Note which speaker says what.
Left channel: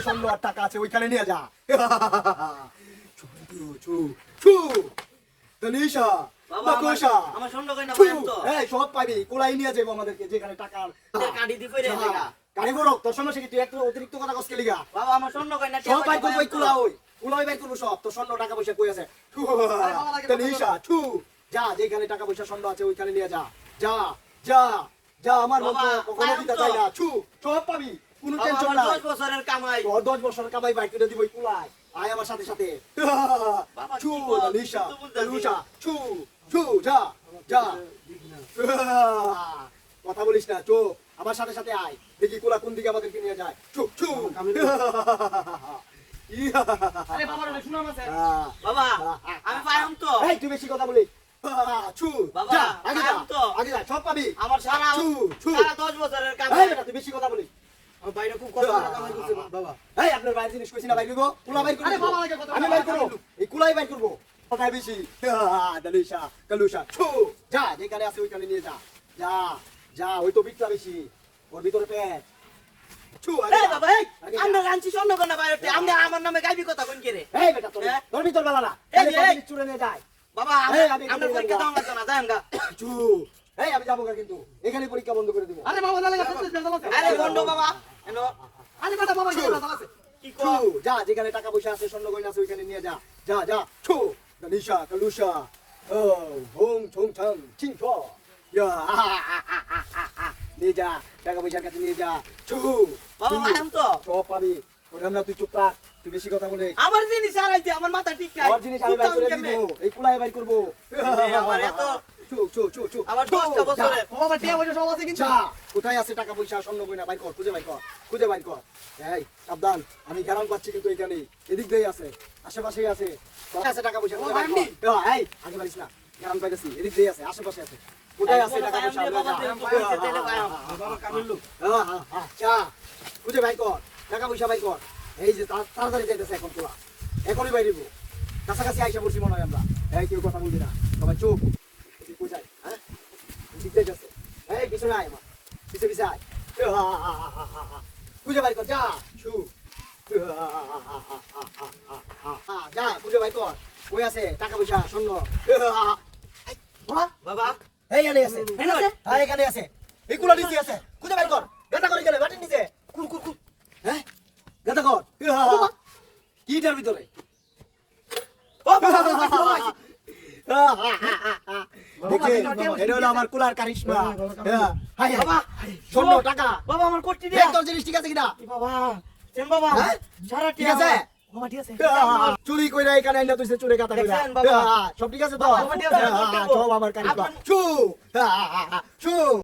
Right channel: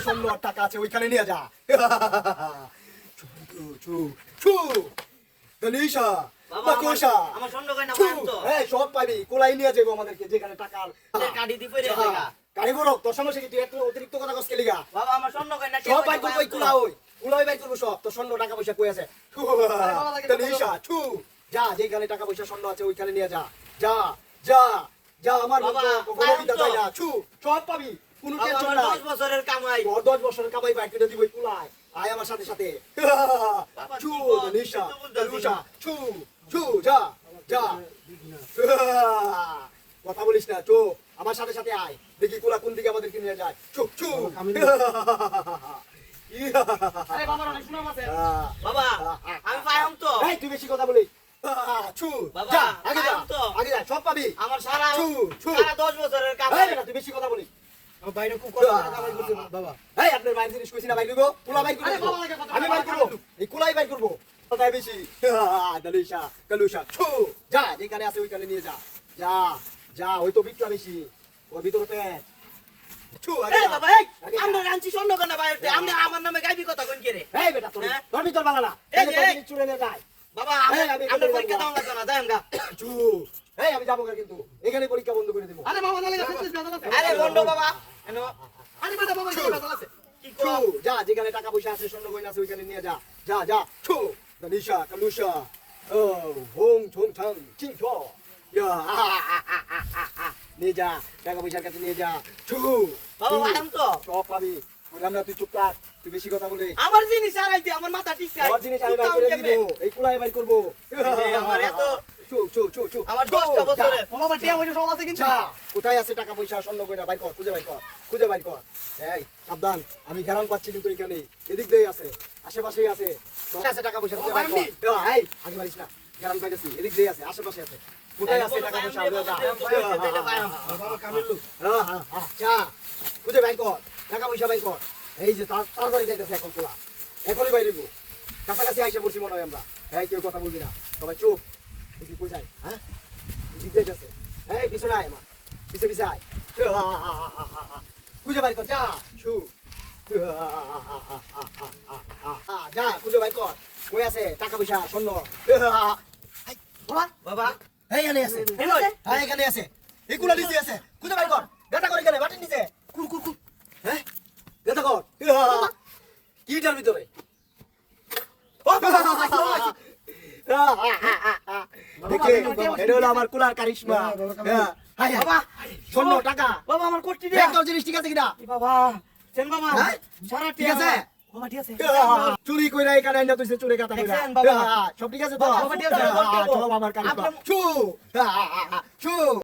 Speaker 1: স্বর্ণ আর টাকা আছে ওইখানে নিয়ে যা।
Speaker 2: আমার- আমার স্বর্ণ গয়না তো?
Speaker 1: এই, সব পাবি কোলাই নিয়ে যাব আমাদেরকে যেখানে টাকা আর-
Speaker 2: কাটি দি পড়ে আছে
Speaker 1: গাড়ি বড় তোর সমস্যা কি তুই একটু অতিরিক্ত কথা কস কেলিগা
Speaker 2: বাবা আমার স্বর্ণ গয়না কে
Speaker 1: সব বাই
Speaker 2: পাইন
Speaker 1: কুলা ওই কুলা ওই করব সব তোর স্বর্ণ টাকা পয়সা কই আছে? তনিষা ছু। যা যেখানে টাকা পয়সা স্বর্ণ আছে ওইখানে নিয়ে যা। যা যা যা আমার মতো
Speaker 2: বাবা,
Speaker 1: কোনো বিদা
Speaker 2: পারুম
Speaker 1: না ছু। সব পাবি। কোনো টেনশন নাই
Speaker 2: বছরের কামাই।
Speaker 1: তোর দশ বছরের কামাই বাইক কিনে দিবই কুলাই আয় আমার সাথে সাথে।
Speaker 2: বাবা,
Speaker 1: ছু
Speaker 2: কি কর?
Speaker 1: তনিষা
Speaker 2: কিন্তু বুঝতাছি
Speaker 1: তনিষা
Speaker 2: না।
Speaker 1: ছু ছু যা যা। কথা বলিস না চো আমার সাথে সাথে আয়। দেখি কুলা কোন দিকে আমাদেরকে নিয়ে যায়। ছু ছু।
Speaker 3: আরে বাবার অনেক সুনাম আছে
Speaker 2: বাবা আমি পাইম তো।
Speaker 1: এই তুই বেশি কথা বলি আহ, ছু
Speaker 2: বাবা,
Speaker 1: আগে যা
Speaker 2: পারুম
Speaker 1: আগে যা সব পাবি।
Speaker 2: আমার সারা দশ বছরের
Speaker 1: বেটা, তুই বেশি কথা বলি
Speaker 3: বাবা। বাবা,
Speaker 1: ছু যা ওই তো বেশি। ওর ভিতরে পেট।
Speaker 2: বাবা
Speaker 1: যা।
Speaker 2: আমরা নামে গাইবি কথা কোন কে রে?
Speaker 1: বেটা তোর
Speaker 2: হ্যাঁ?
Speaker 1: ভিতর বালা না। চুরে নিয়ে যায়।
Speaker 2: বাবা আমরা পরীক্ষা দাও না
Speaker 1: এই আমি যাব কিন্তু। এখানে পরীক্ষা বন্ধ করে দিব।
Speaker 3: আরে বাবা নালে গেছে
Speaker 2: আরে বন্ধ বাবা।
Speaker 3: আরে বেটা বাবা আছে।
Speaker 2: কি কর?
Speaker 1: যা যেখানে টাকা পয়সা আছে স্বর্ণ গয়না আছে ওইখানে নিয়ে যা। যা যা ছু। দালিশা কালুশা ও হোং ঠং ঠং চিং ছ ইয়া আহা, আহা, আহা, আহা, আহা। নিয়ে যা টাকা পয়সার কাছে নিয়ে যা। ছু
Speaker 2: বাবা
Speaker 1: ছু।
Speaker 2: তো।
Speaker 1: সব পাবি। আমরা তুই চুপ থাক। তুই বেশি কথা বলে।
Speaker 2: আমার জিনিস আর আমার মাথা ঠিক নাই।
Speaker 1: আমার জিনিস আমি বাই দিব। এই কুলাই বাই করব।
Speaker 2: আমার এত- আমার
Speaker 1: ছু,
Speaker 2: দশটা
Speaker 1: যা।
Speaker 3: বাবা টিয়া পয়সা সব আছে কিন্তু
Speaker 1: কোথায় আছে টাকা পয়সা স্বর্ণ গয়না বাইর কর খুঁজে বাইর কর খুঁজে বাইর কর এই সাবধান আমি পাচ্ছি কিন্তু এখানে এদিক দিয়ে আছে আশেপাশেই আছে কোথায় আছে টাকা পয়সা খুঁজে বাইর কর এই আগে না পাইতেছি এদিক দিয়ে আছে আশেপাশে আছে কোথায় আছে টাকা পয়সা হ্যাঁ, হ্যাঁ, হ্যাঁ, খুঁজে বাইর কর টাকা পয়সা বাইর কর এই যে তাড়াতাড়ি যাইতেছে এখন তোলা এখনই বাইরে দিব কাছাকাছি আইসা পড়ছি মনে হয় আমরা এই কেউ কথা বলবি না সবাই চুপ কোথায় হ্যাঁ দিক যাইতেছে এই পিছনে আয় মা পিছে পিছে আয় খুঁজে বাইর কর যা শু যা খুঁজে বাইর কর কই আছে টাকা পয়সা স্বর্ণ বাবা,
Speaker 2: বাবা
Speaker 1: আছে হ্যাঁ এখানে আছে এগুলো নিচে আছে খুঁজে বাইর কর গাদা করে গেলে বাটির নিচে কুল কুল কুল হ্যাঁ গাদা কর কি ভিতরে দেখলে এটা হলো আমার কুলার কারিশমা। হ্যাঁ হাই বাবা স্বর্ণ টাকা।
Speaker 2: বাবা আমার কোটি দে।
Speaker 1: তোর জিনিস ঠিক আছে কিনা?
Speaker 2: বাবা সেন বাবা
Speaker 1: হ্যাঁ?
Speaker 2: সারা
Speaker 1: ঠিক আছে?
Speaker 2: বাবা। ঠিক আছে।
Speaker 1: চুরি কইরা এখানে আইনা তুই চুরি কাটা কইরা। সব ঠিক আছে তো? হ্যাঁ, সব আমার কারিশমা। চু চু